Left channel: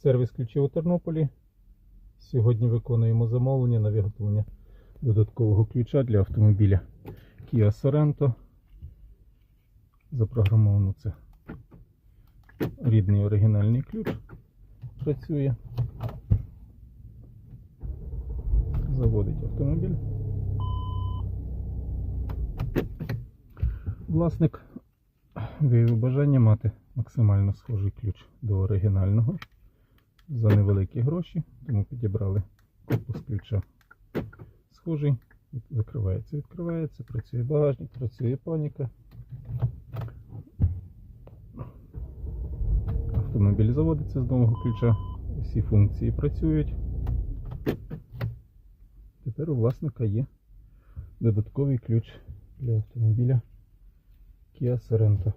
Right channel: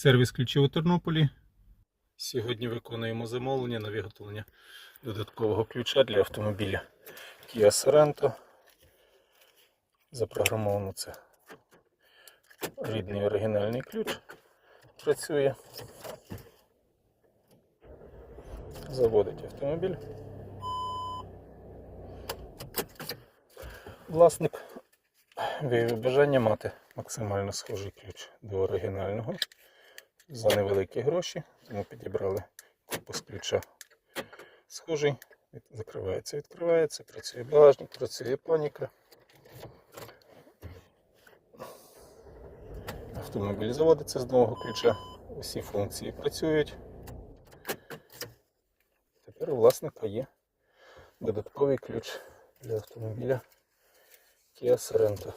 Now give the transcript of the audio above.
Сервіс ключів у Тернополі. Сьогодні виконуємо замовлення на виготовлення додаткового ключа для автомобіля Kia Sorento. Запрограмовано це рідний оригінальний ключ. Працює. Заводить автомобіль. Власник виявив бажання мати максимально схожий ключ до оригінального за невеликі гроші, тому підібрали корпус ключа схожий, закривається, відкривається, працює багажник, працює паніка. Автомобіль заводиться з нового ключа, усі функції працюють. Тепер у власника є додатковий ключ для автомобіля Kia Sorento.